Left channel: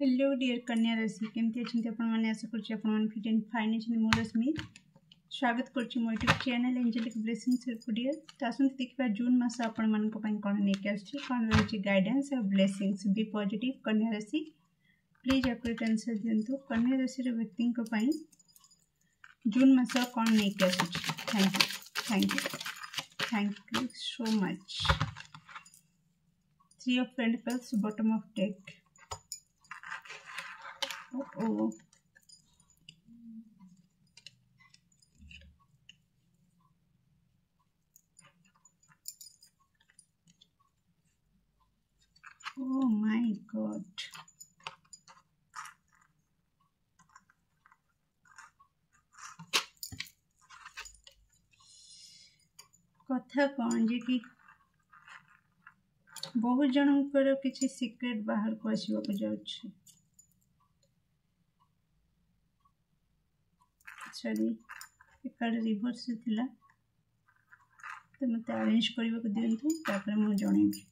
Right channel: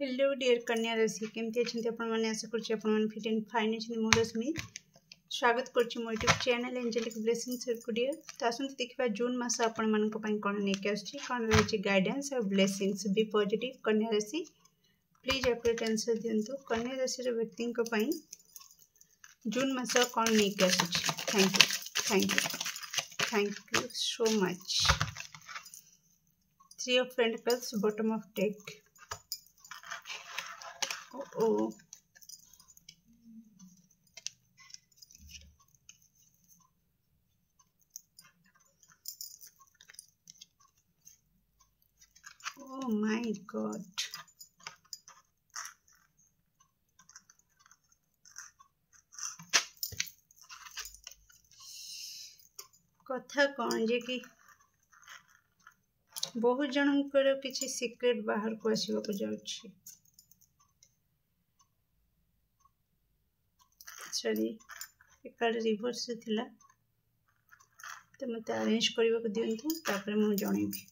Hello dear कन्या राशि केमती अच्छे आपण मैंने आशा कर फिट एंड फाइन अच्छे मोर रश्मि स्वागत कर मो YouTube channel Angelic Blessings dear. तो आसते देखा जून मास आपण मान कौन लेके आसुची रही गाइडेंस और ब्लेसिंग्स बी पॉजिटिव कन्या राशि प्लीज एक्यूरेट आंसर दिंतु। कन्या राशि व्यक्ति जून मास कौन लेके आसुची। Thank you so much. 3 of Pentacles bottom of deck। Oh, oh my God। कथा कौन जे कि बहुत जनकर किसी सीक्रेट बाहर को आसवाक जाउछि। सॉरी कार्ड रिवर्स थिला तो मत अरेंज करने को दिंतु तापर मु जणेबी।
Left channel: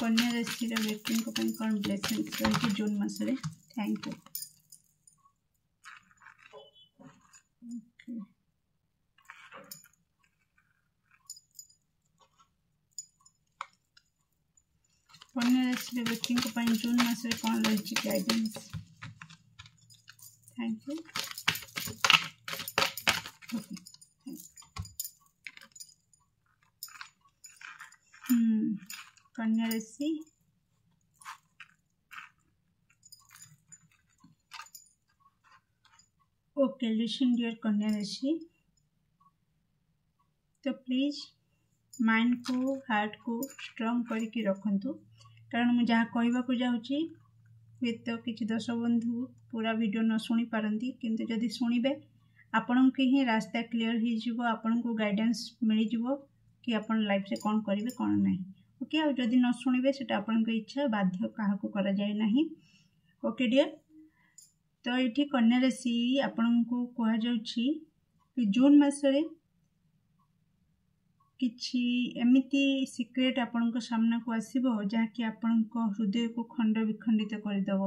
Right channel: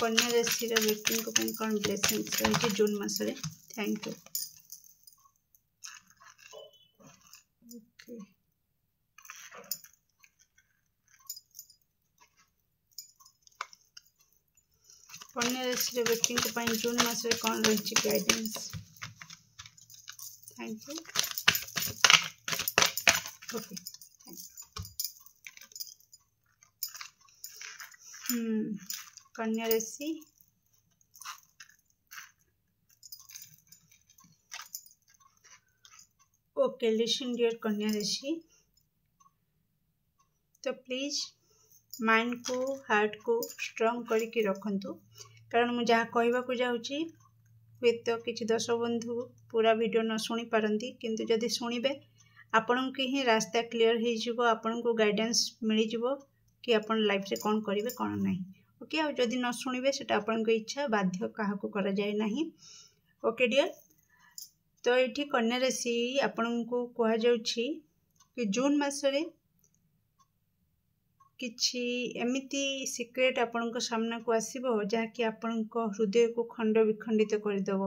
कन्या राशि व्यक्ति कौन ब्लेसिंग्स रही जून मासरे। Thank you. ओके कन्या राशि व्यक्ति जून मासरे कौन रही गाइडेंस। Thank you. ओके कन्या राशि ओके लिसन डियर कन्या राशि। तो प्लीज माइंड को हार्ट को स्ट्रॉन्ग करके रखंतु कारण मुझे जहाँ कहवाक जाऊँगी हुए तो किसी दर्शक बंधु पूरा वीडियो न शुणी पारती किंतु जदि शुणिबे आपण के ही रास्ता क्लीयर हो आपण को गाइडेंस मिल जाव कि आपण लाइफ से कौन करेंगे कौन नहीं। ओके और जदि न शुणिबे सेटा आपण को इच्छा बाध्य क्या करा जाए नहीं। Okay dear. तो ये कन्या राशि आपण को कह जाउछि कि जून मासरे किछि एमिति सीक्रेट आपण को सामना को आसीबो जहाँकि आपण को हृदय को खंड विखंडित करदेव।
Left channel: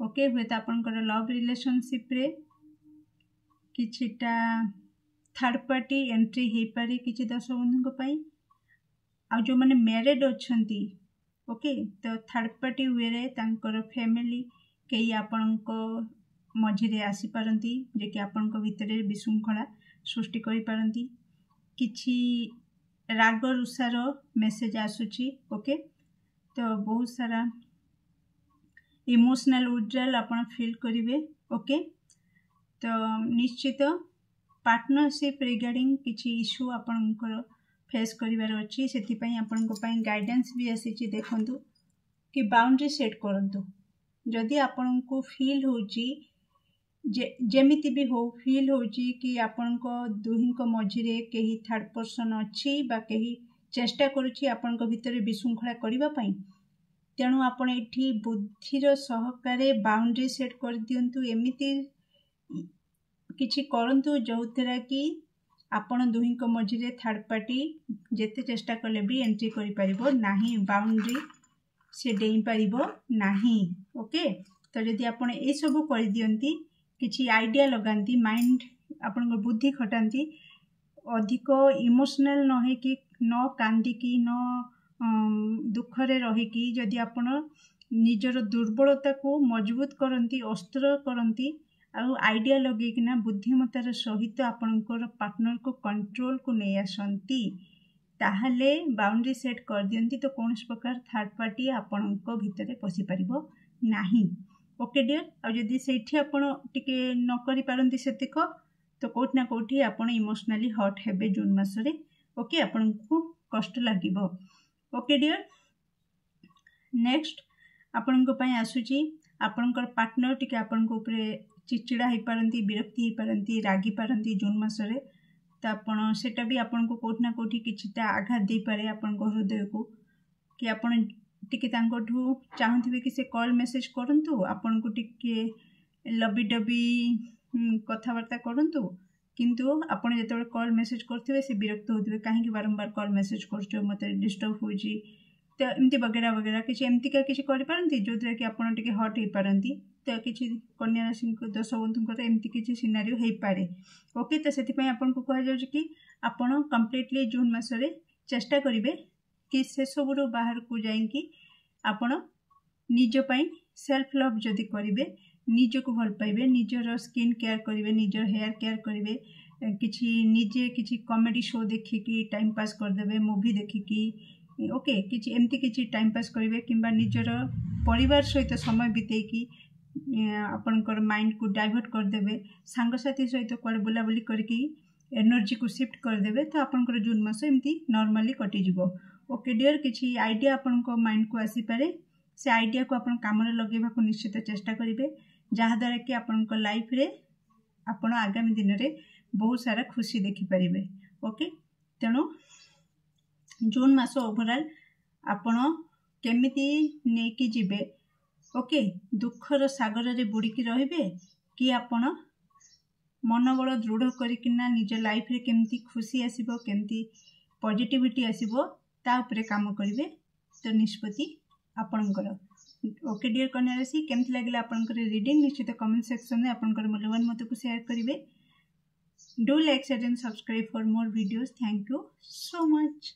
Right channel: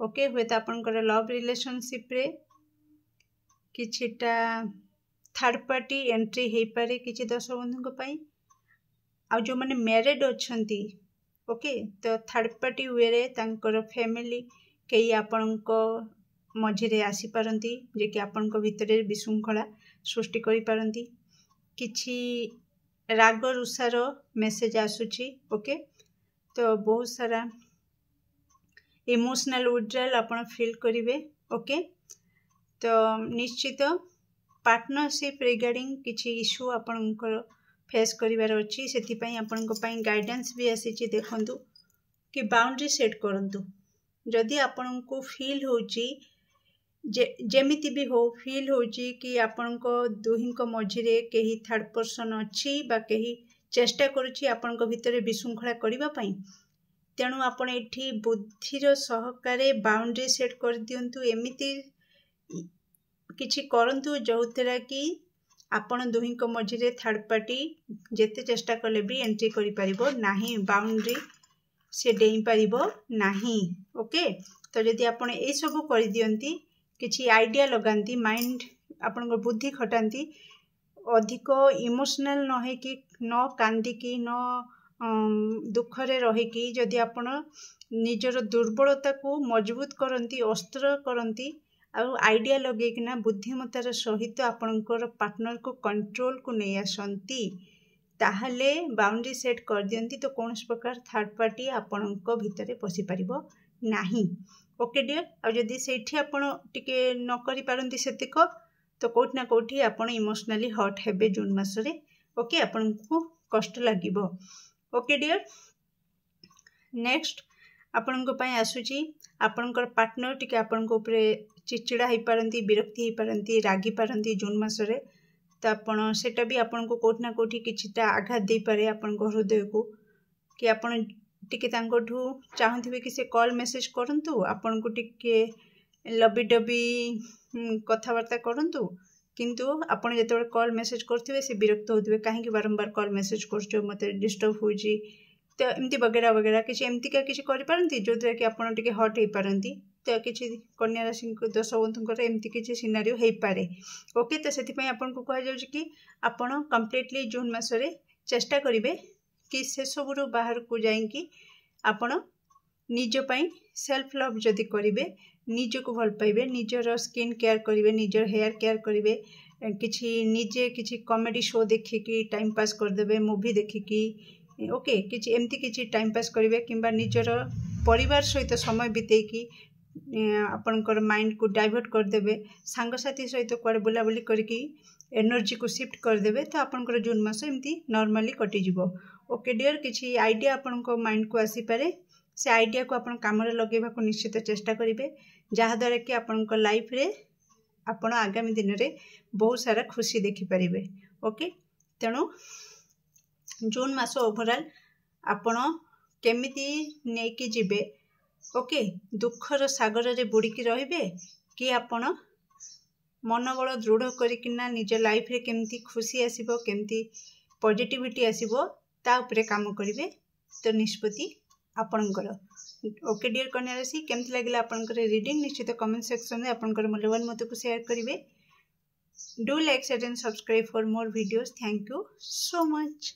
ओके हुए तो आपंकर लव रिलेशनशिप रे किछिटा थर्ड पार्टी एंट्री हो पारे किछि दर्शक बंधु आ जो माने मैरिड अछंती। ओके तो थर्ड पार्टी वे रे तांकर फैमिली कई आपण को मझिरे आसी पारंती जे कि आपण को भितरे विशृंखला सृष्टि करि पारंती। किछि राग रुषार मेसेज आसुची। ओके तो बहुत सारा इमोशनल विड्रॉल आपण फील करिवे। ओके तो निश्चित पार्टनरशिप रिगार्डिंग किछि इश्यू आपणकर फेस करिवार अछि सेति पई आपणको पई गाइडेंस भी आसीची। देखंतु कि बाउंड्री सेट करंतु जदि आपणको फील होची जेमिति भी हो फील होची कि आपणको दुहिंको मझिरे केही थर्ड पर्सन अछि बा केही चेष्टा करूची आपणको भितरे विशृंखला करिबा पई तेणु आपण एठी बुद्धिर सहकारे बाउंड्री सेट कर दियंतु। एमिति किछि करंतु जोथरा कि आपण दुहिंको मझिरे थर्ड पार्टी जेते चेष्टा कले भी एंट्री करि परिबो नाही बाउंड्री से डेई परिबो नाही। ओके तो जदि आपण ए सब कर दियंती किछि आइडिया लगांती माइंड आपण बुद्धि खटांती अधिक इमोशनल न है कि न कांदी कि न दुखरे रही जदि आपण निजर दुर्बलता को मजबूत करंती अस्त्र करंती आइडिया लगेकिना बुद्धिमतार सहित आपणकर पार्टनर को कंट्रोल को नहीं आसंती ताहले बाउंड्री सेट कर दियंती तो कौन प्रकार थर्ड पार्टी आपणक भितरे पशि पारिबो नाही। ओके डियर आ जदि सेठी आपण टिके न करि पारंती सेतिक तो कोठी ना कोठी आपण इमोशनली हर्ट हेबे जून मासरे। ओके आपण को कष्ट लागिबो। ओके डियर नेक्स्ट आपण को पई आसुची आपणकर पार्टनर टिके आपण को ऊपर चिड़चिड़ा हो पारंती विरक्ति हो पारंती रागी पारंती जून मासरे तो आपण सेटा भी आपण को कोठी ना कोठी किछिटा आघात दे पारे आपण को हृदय को कि आपण टिके तांकोठू चाहूथिबे कि से कॉल मेसेज करंतु आपण को टिके लबी डबी कथावार्ता करंतु किंतु आपण जेतेबेले कॉल मेसेज करथिबे से विरक्त होथिबे काहेकि बारंबार कॉल मेसेज करछो मते डिस्टर्ब होजी तो एमती वगैरह वगैरह किसी एमतीका किसी करें जो द्वारा कि आपड़ टे हट हो पारती तो किसी कन्या राशि दर्शक बंधुंकर एमती किसी सिनारियो हो पारे ओके। तो से आपन को कह जाउछि कि आपण कंप्लीटली जून मासरे चेष्टा करेंगे कि से सबुरु बाहर को जाइंकी आपण निज पई सेल्फ लव जदि करेंगे निज को भल पाइबे निजर स्किन केयर करेंगे निजर हेयर केयर करेंगे किछि निजे किछि कॉमेडी शो देखिकी टाइम पास करदेबे मूवी देखिकी ओके किछि एमती किछि टाइम पास करेंगे किंबा निजर परिवार सहित समय बितेकी आपनकर माइंड को डाइवर्ट करदेबे सांगसाथी सहित कुआडे बुलाबुली करके एनर्जी को शिफ्ट करदेबे तो आपनकर जून मास एमती नॉर्मली कटिजिवो ओके डियर। किछि आइडिया आपनकर माइंड को आसी पारे से आइडिया को आपन काम रे लगेबा को निश्चित चेष्टा करेंगे जहाँ द्वारा कि आपनकर लाइफ रे आपण आगामी दिन रे बहुत सारा खुशी देखि पारिबे ओके। तेणु जून मास ओवरऑल आपण केमिति नेकी जिबे ओके दुखर सागर रे बुड़ीकी रहिबे कि आपण मनोबल दृढ़ करिकिना निज लाइफ रे केमिति खुशी आसीबो केमिति पॉजिटिविटी आसीबो ता उपरे काम करिवे तो निष्पत्ति आपणकर ओके। डियर कन्या राशि केमती लगे आपंकर रीडिंग निश्चित कमेंट सेक्शन में आपंकर मूल्यवान मत को शेयर करेंगे। Do like share and subscribe for more videos. Thank you so much.